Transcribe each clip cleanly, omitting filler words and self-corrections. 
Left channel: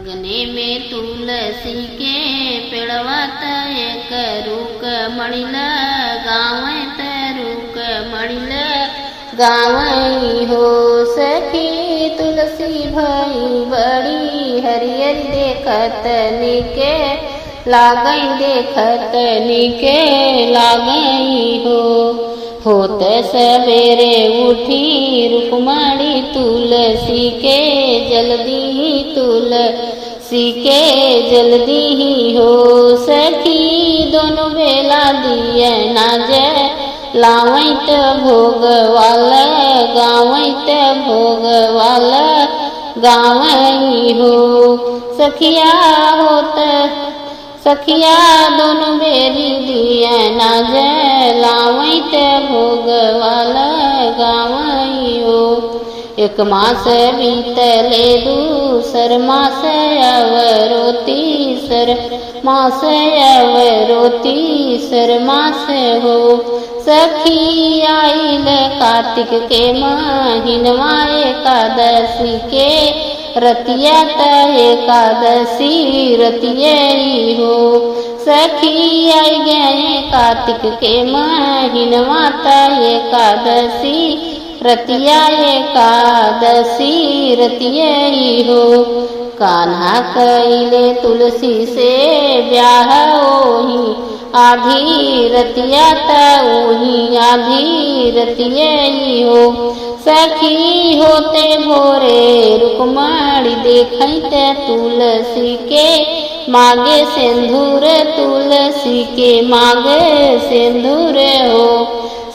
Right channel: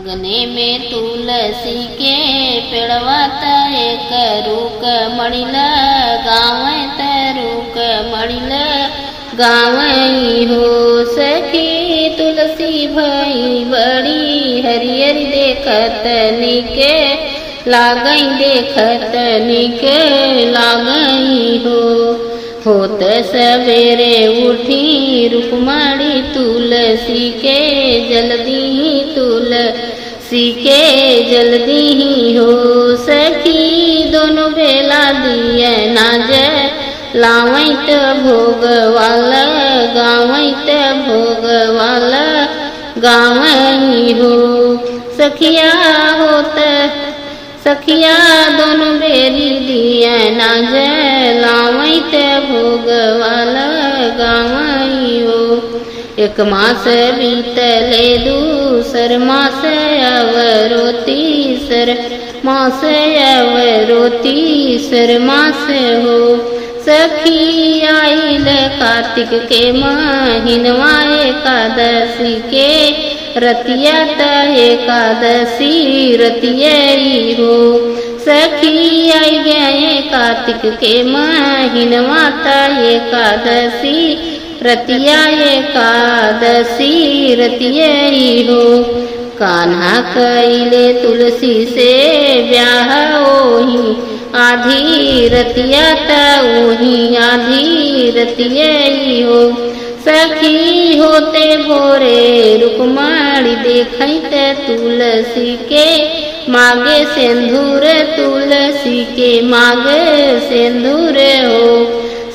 अग्नि में तुलसी के पेड़वा तय करूक मणिल गाँव तरुक मणिल गाँव हो सखी तुलसी भई बड़ी हरियर देखत निके लागई देखत निके लागई हो। होत सवेरे उठी रुक्मणी तुलसी के जल्दी तुलसी के जल्दी हो सखी दोनों बेला दिए नाज लावैत भोग वाला गावैत भोग वाला गावई हो सखिया होत सखिया दोनों बेरी दिया नाज लावैत भोग वाला गावई हो। एक मास बीतले दूसर मास अवरो तीसर मास अवरो तीसर मास हो सखी आइल कार्तिक के महीनवा एकादशी के रतिया त एकादशी रतियई हो सखी आई गए कार्तिक के महीनवा त एकादशी रतिया एकादशी रतियई हो। कान्हा कैले तुलसी से ब्याह ओही आधी रतिया त ओही आधी रतियई हो सखी होते भोरे रुक्मणी देखत तुलसी के मागे सिंदूर तुलसी के मागे सिंदूर हो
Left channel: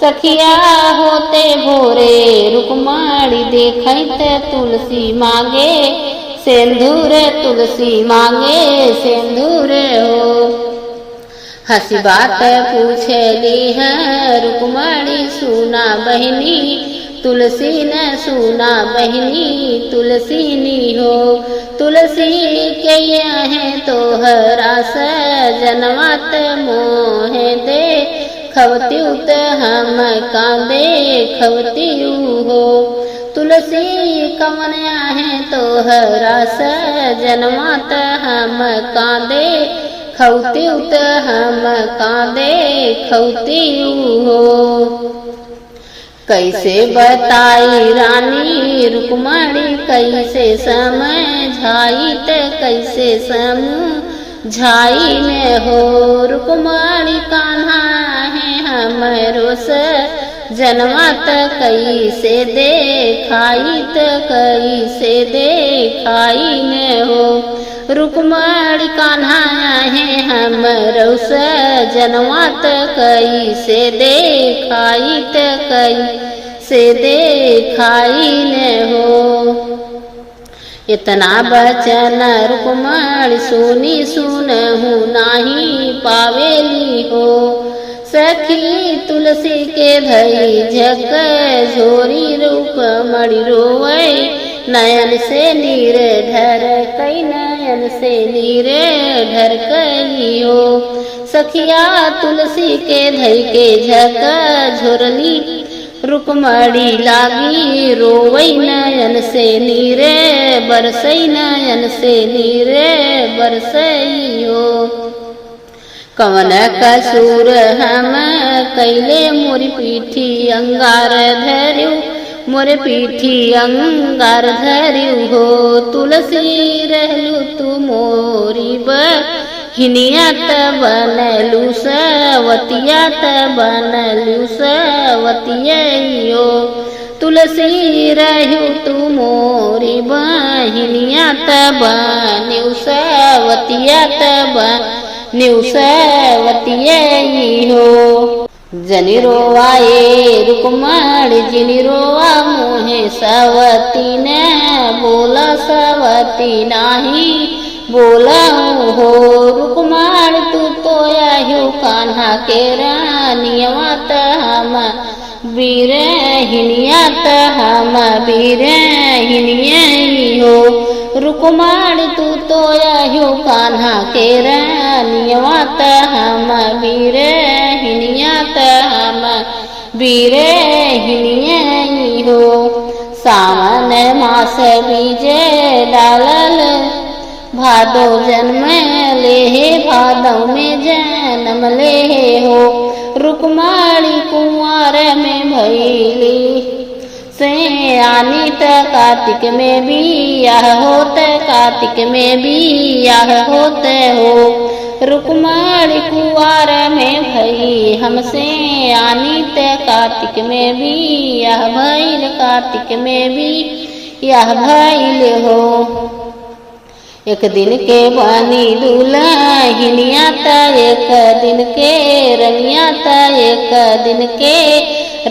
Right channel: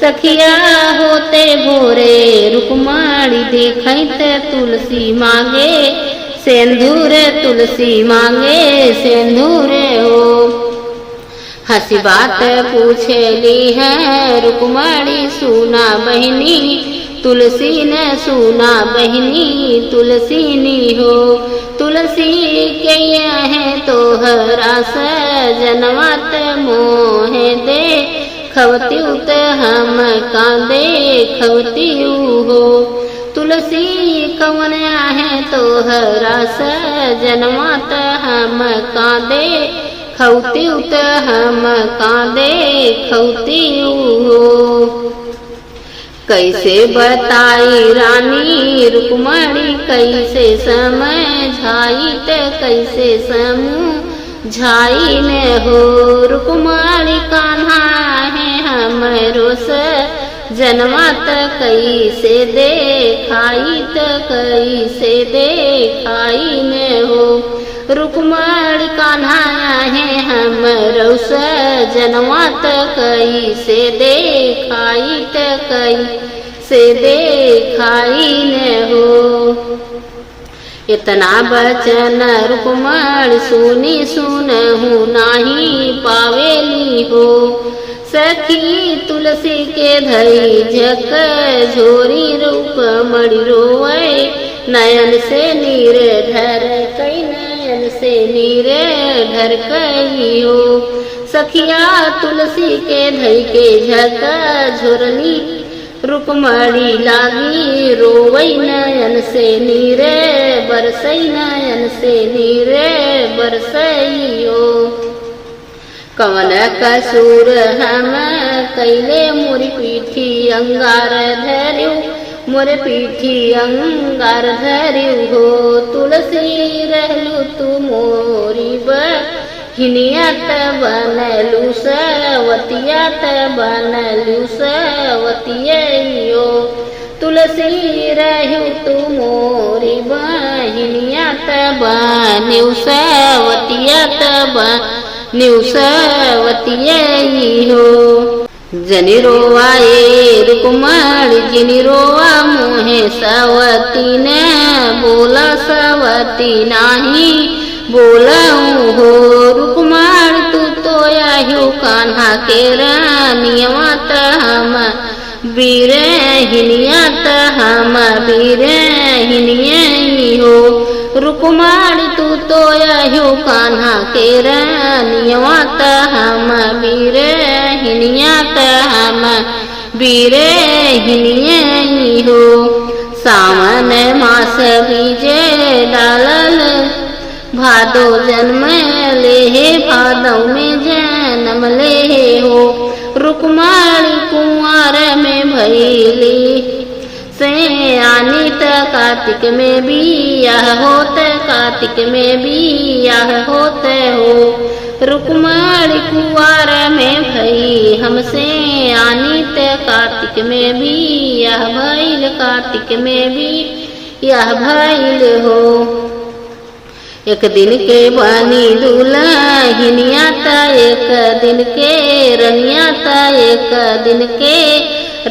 सखिया होते भोरे रुक्मणी देखत तुलसी मागे सिंदूर तुलसी मांगे सिंदूर हो। हंसी बात पूछली है रुक्मणी सुना बहनी तुलसी ने सुना बहनी तुलसी नी हो तुलसी के है तोहरा सजनवत मोह दे खवती उत हम कांदे खवती हो तुलसी कवन है तोहरा सजनवत हम कांदे खवती उत हम कांदे खवती हो। कैसे बताई रानी रुक्मणी कैसे समझाई त कैसे समझाई न हो रुक्मणी कान्हा है हमरो जनमत कैसे देखाई त कैसे देखाई न हो रुक्मणी कान्हा है हमरो जनमत कैसे देखाई त कैसे देखाई न हो। इतना बचन रुक्मणी सुनी सुनहु नाही पावेली हो सखी तुलसी के धई झक झोरी रुक्मणी रोए नयन से नीर ढर कई नयन से नीर ढर कई हो सखिया तुलसी के धई के झक झुरनी रुक्मणी लागी रोवई नयन से नीरे बरसई नयन से नीरे बरसई हो। कवन कसूर हम कैले मोरी पीठी अंगार धर्यु मोरे पीठी अंगार धर्यु हो तुलसी रहलु तू मोरी हिनिया त बनलु सवतिया त बनलु सवतियो तुलसी रहु तू मोरी बहिनिया त बनलु सवतिया त बनलु सवतियो जनी रोवा ये रुक्मणी जिनी रोवा मोहे सवती न बोला सवती नाही बोलाऊं हो रुक्मणी तू तो आयु कान्हा के रानियवा त हम बीरहिनिया त हम बीरहिनिया हो रुक्मणी तू तो आयु कान्हा के रानियवा त हम बीरहिनिया त हम बीरहिनिया हो। सावन मास बीजे डालल भादो जन्म ले हे भादौ में जन्म ले हो। रुक्माणी कुंवर में भैली सयानी त कार्तिक में बियाह होत, कार्तिक में बियाह होत हो। रुक्माणी कुंवर में भई हमसे आनी त कार्तिक में बियाह भइल, कार्तिक में भी यह भइल हो। एक दिन के बनी दुल्हनिया त एक दिन के रनिया त एक दिन के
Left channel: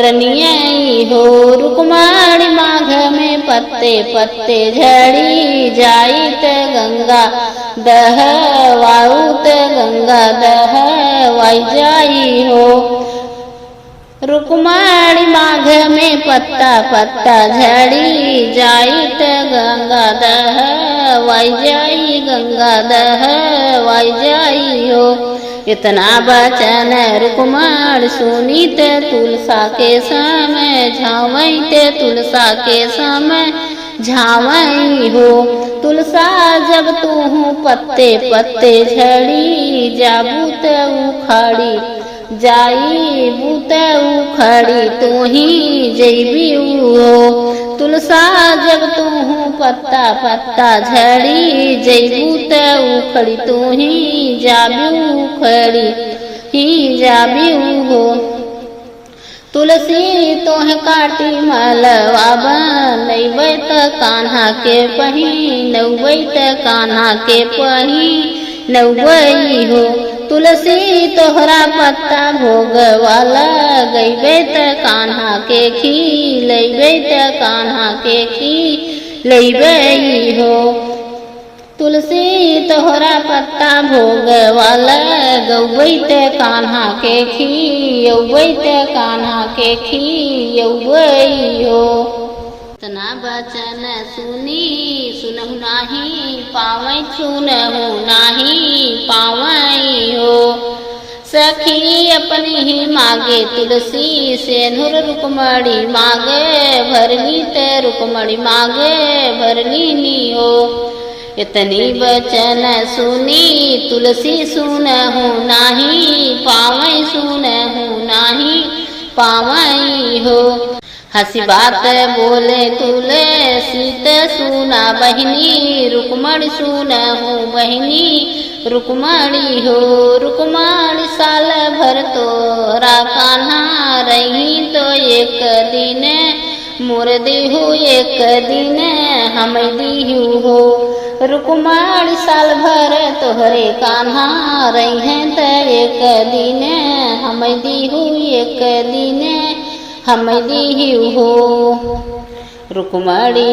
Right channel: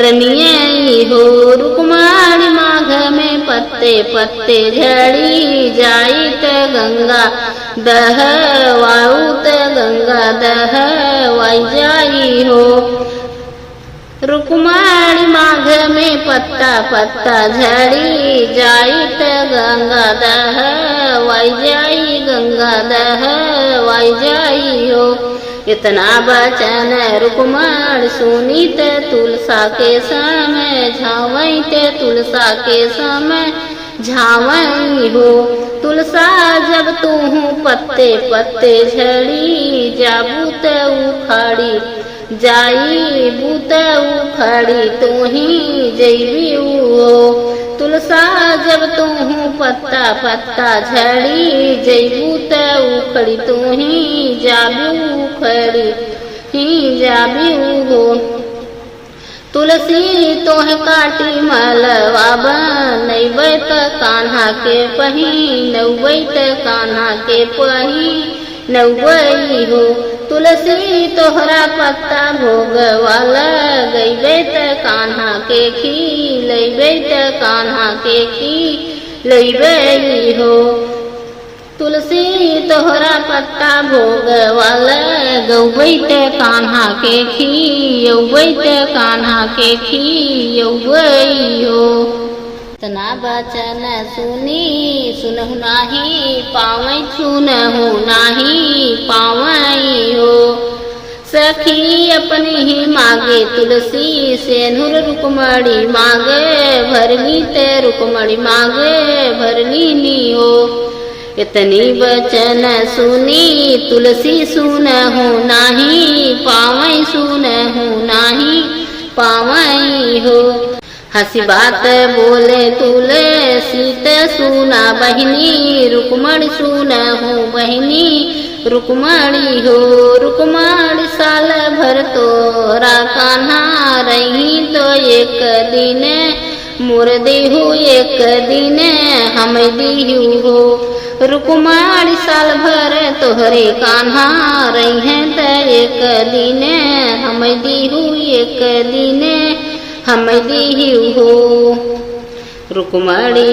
रनिया हो। रुक्माणी माघ में पत्ते पत्ते झड़ी जाई त गंगा दहवाऊ त गंगा दहवाई जाई हो। रुक्माणी माघ में पत्ता पत्ता झड़ी जाई त गंगा दहवाई जाई, गंगा दहवाई जाई हो। इतना बचन रुक्माणी सुनी त तुलसा के समय झावई त तुलसा के समय झावई हो। तुलसा जब तू पत्ते पत्ते झड़ी जाबू त उखाड़ी जाई बूत उखड़ी तू ही जैबी हो। तुलसा जब तू पत्ता पत्ता झड़ी जैबू त उखड़ी तू ही जाबी उखड़ी ही जाबी हो। तुलसी तोह काटी मलवा बनैबै त कान्हा के पहिनबै त कान्हा के पहिनबै हो। तुलसी तोहरा पत्ता भोगवा लगैबै त कान्हा के खिलैबै त कान्हा के खिलैबै हो। तुलसी तोहरा पत्ता भोगवा लगैबै त कान्हा के खियौबै त कान्हा के खियौबै हो। तना बचन सुनी सुनहु नाही पावै, सुनहु नाही पावै हो। सखी अपनी ही मागे तुलसी सेनुर रुक्माणी मागे भरली त रुक्माणी मागे भरली नी हो। इतनी बचन सुनी तुलसी सुनहु नाही पावै, सुनहु नाही पावै हो। हंसी बात बोले तुलसी त सुना बहिनी रुक्माणी सुनहु बहिनी रुक्माणी हो। रुक्माणी साल भर तोरा कान्हा रही तो एक दिन मोर देहु एक दिन हम दिहु हो। रुक्माणी साल भर तोहरे कान्हा रही त एक दिन हम दिहु एक दिन हम दिहु हो। रुक्माणी